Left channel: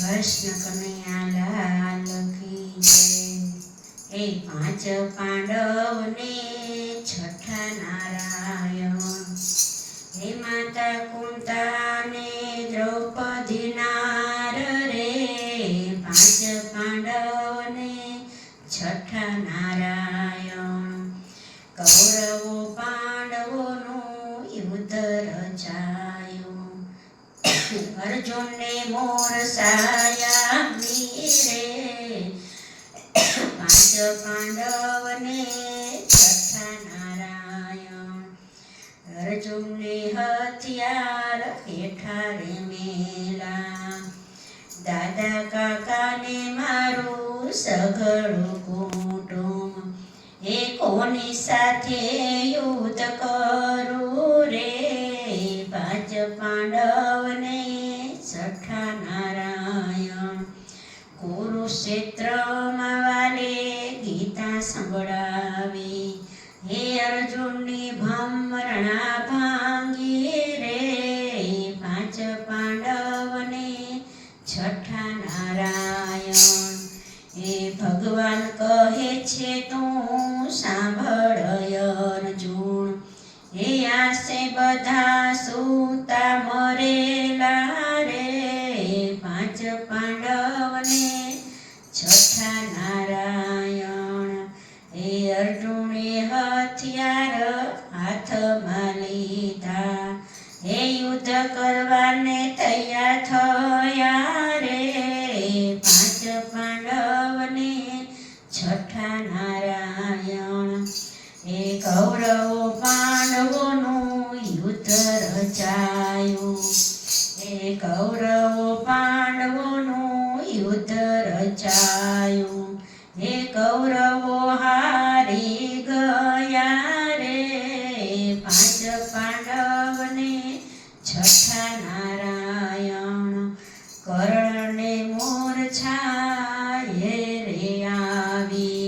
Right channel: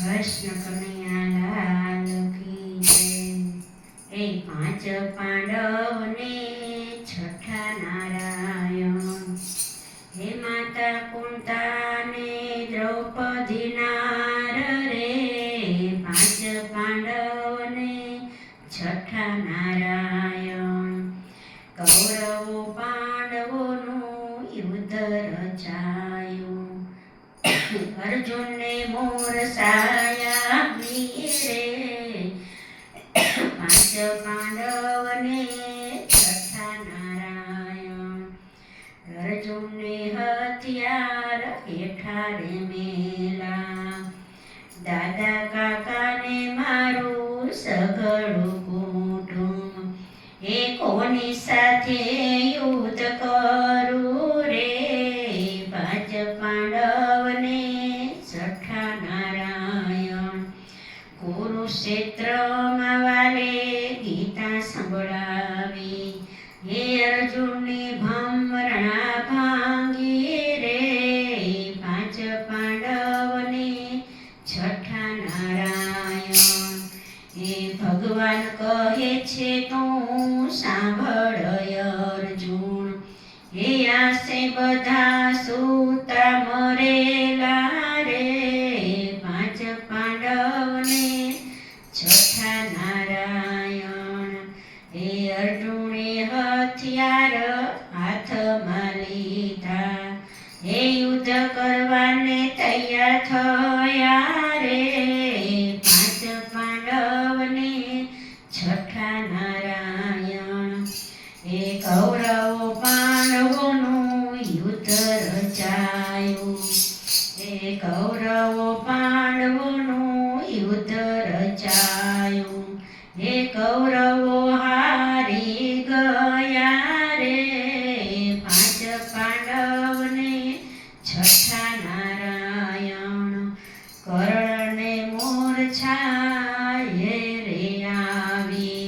કૃષ્ણ કનૈયાલાલ કી જય। એ પાંચ પાંડવને છઠ્ઠા નારાયણ, હે માતા કુંતાને દ્રૌપદી નાર રે, પાંચ પાંડવને છઠ્ઠા નારાયણ। કૌરવો પાંડવોનું યુદ્ધ રચાયું, અર્જુનને મોર સાયા રે, પાંચ પાંડવને છઠ્ઠા નારાયણ। અર્જુનને હથિયાર હેઠા રે મેલા, દાદા કાકાને મારું સઘળું કુટુંબ, એ કોની સાથે યુદ્ધ કરું રે, પાંચ પાંડવને છઠ્ઠા નારાયણ। કુરુક્ષેત્રમાં વાલે ગીતા સંભળાવી, હે અર્જુનની ભમરણા ભાંગી રે, પાંચ પાંડવને છઠ્ઠા નારાયણ। એ ભગવાન કહે છે તું સાંભળ અર્જુન, હે આસે બધા સૂતા મરેલા રે, પાંચ પાંડવને છઠ્ઠા નારાયણ। એ અર્જુને હથિયાર હાથમાં લીધા, હે યુદ્ધ કરવાને તૈયાર થયા રે, પાંચ પાંડવને છઠ્ઠા નારાયણ। એ કૌરવો પાંડવોનું યુદ્ધ રચાયું, એ કૌરવો પાંડવોનું યુદ્ધ રચાયું, એ કૌરવો હારી ગયા રે, પાંચ પાંડવને છઠ્ઠા નારાયણ। કર્ણને મૂર્છાએ રે આવી,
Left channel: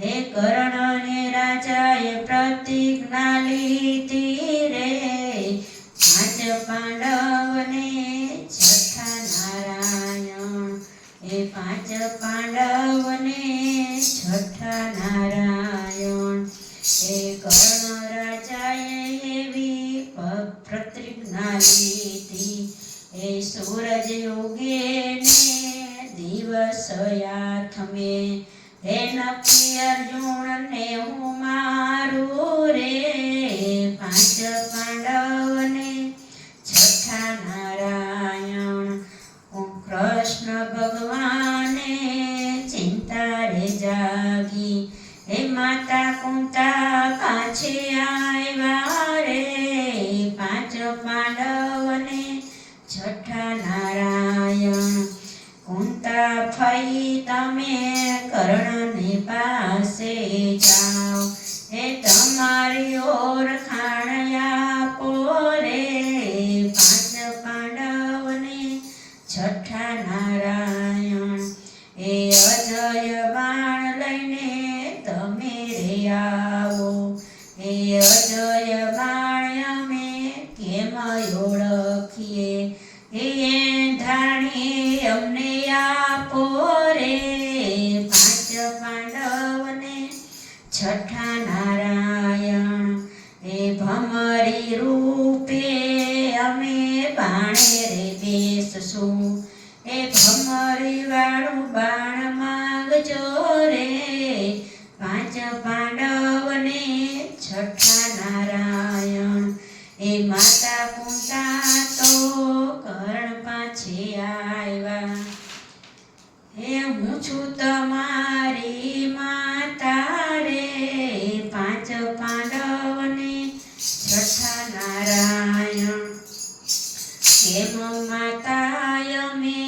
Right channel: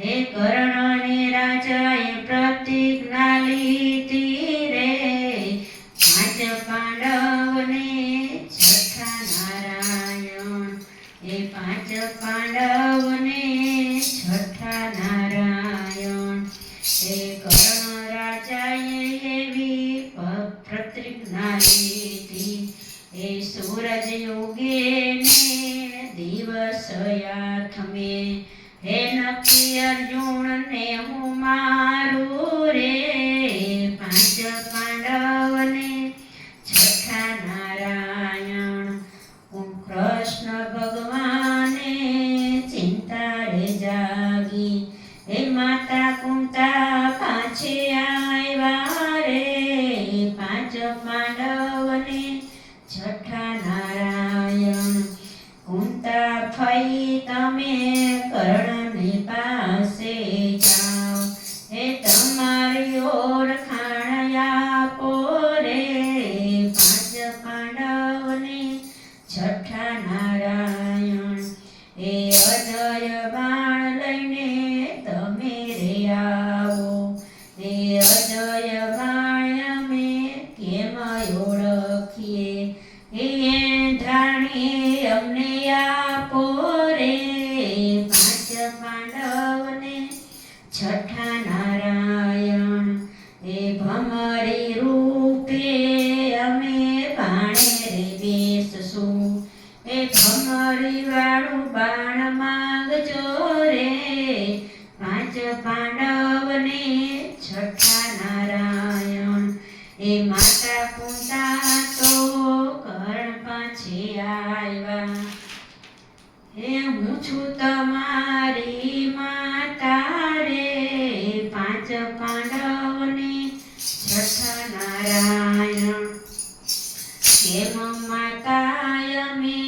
હે કર્ણને રાજાએ પ્રતિજ્ઞા લીધી રે, પાંચ પાંડવને છઠ્ઠા નારાયણ। એ પાંચ પાંડવને છઠ્ઠા નારાયણ। એ કર્ણ રાજાએ એવી પ્રતિજ્ઞા લીધી, એ સૂરજ ઉગે ને દિવસ આથમે, હે નક્કી અર્જુનને હું મારું રે, પાંચ પાંડવને છઠ્ઠા નારાયણ। કૃષ્ણ ભગવાને ચિંતા રે જાગી, હે માતા કુંતા પાછે આવ્યા રે, પાંચ પાંડવને છઠ્ઠા નારાયણ। કુંતા ફઈ તમે કર્ણની પાસે જાઓ, હે તમારી ઓળખાણ આપો રે, પાંચ પાંડવને છઠ્ઠા નારાયણ। એ અજય બાણ લઈને તમે રે આવો, એ અજય બાણ અમે કેમ ઓળખીએ, એ ધાણી અમને આપો રે, પાંચ પાંડવને છઠ્ઠા નારાયણ। એ ભમરી રૂપે અમે બાણે રે બેસશું, એ ભમરી વાળું બાણ માંગજો રે, પાંચ પાંડવને છઠ્ઠા નારાયણ। એ માતા કુંતા તો કર્ણ પાછે આવ્યા, હે હું છું તમારી માતા રે, પાંચ પાંડવને છઠ્ઠા નારાયણ। કેમ માતા અમે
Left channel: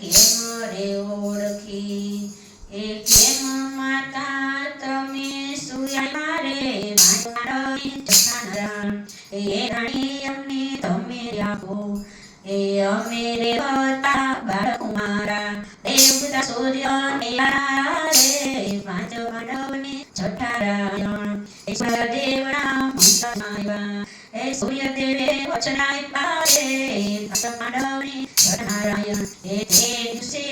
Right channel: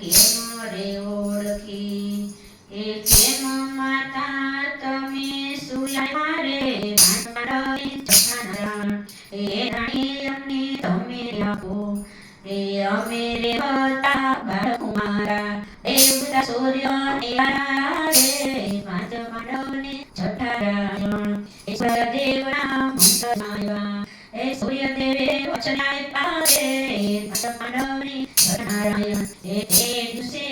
કેમ રે ઓળખી, એ કેમ માતા તમે સુયા રે, પાંચ પાંડવને છઠ્ઠા નારાયણ। એ રાણી અમને તમે આપો, એ અમે રે હતા બાળક મારા, એ ઉગતા સૂર્ય ને રે, પાંચ પાંડવને છઠ્ઠા નારાયણ। એ સૂર્યદેવના મંત્ર આવ્યા, એ સૂર્યદેવે વચન આપ્યા રે, પાંચ પાંડવને છઠ્ઠા નારાયણ। એ તે દિવસે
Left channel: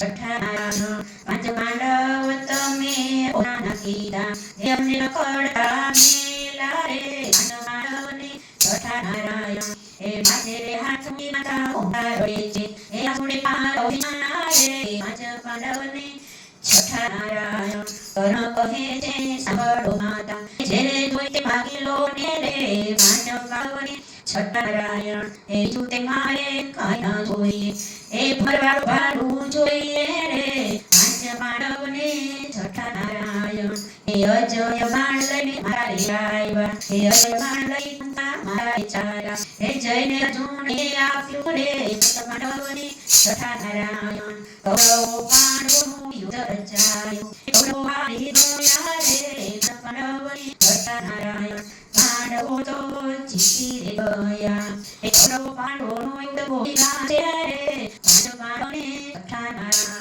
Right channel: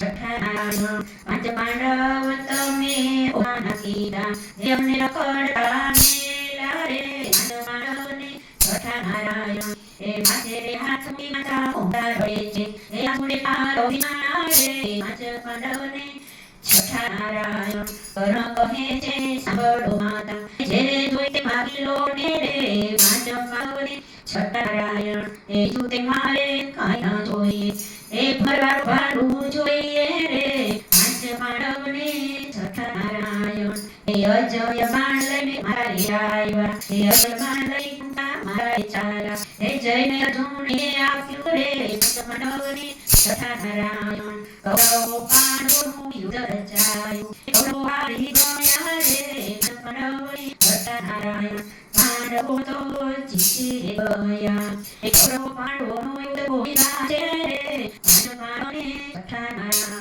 છઠ્ઠા નારાયણ પાંચ પાંડવ તમે ઓના કીધા એમને રખડતા મેલા રે પાંચ પાંડવને છઠ્ઠા નારાયણ એ માથે રે હાથની માતા ઉભા રહે છે એ આસુડે પારો વિના રે પાંચ પાંડવને છઠ્ઠા નારાયણ કર્ણ કહે છે સાંભળો માતા જેને જોઈ તે માગી લો ને રે પાંચ પાંડવને છઠ્ઠા નારાયણ એ બીજું તે મારે કાંઈ ના જોઈએ એ ભરવા ભાડું જોઈએ રે પાંચ પાંડવને છઠ્ઠા નારાયણ એ અજય બાણ લઈને મારા રે આવ્યા એ અજય બાણ લઈ મારા ચાલ્યા એ જઈને અર્જુને આપ્યું રે પાંચ પાંડવને છઠ્ઠા નારાયણ કૌરવ પાંડવોનું યુદ્ધ રચાયું કૌરવ હારી ગયા રે પાંચ પાંડવને છઠ્ઠા નારાયણ પાંડવો તો જીતી ગયા એ કૌરવ પાંડવોનું યુદ્ધ ગોવિંદા છે રે પાંચ પાંડવને છઠ્ઠા નારાયણ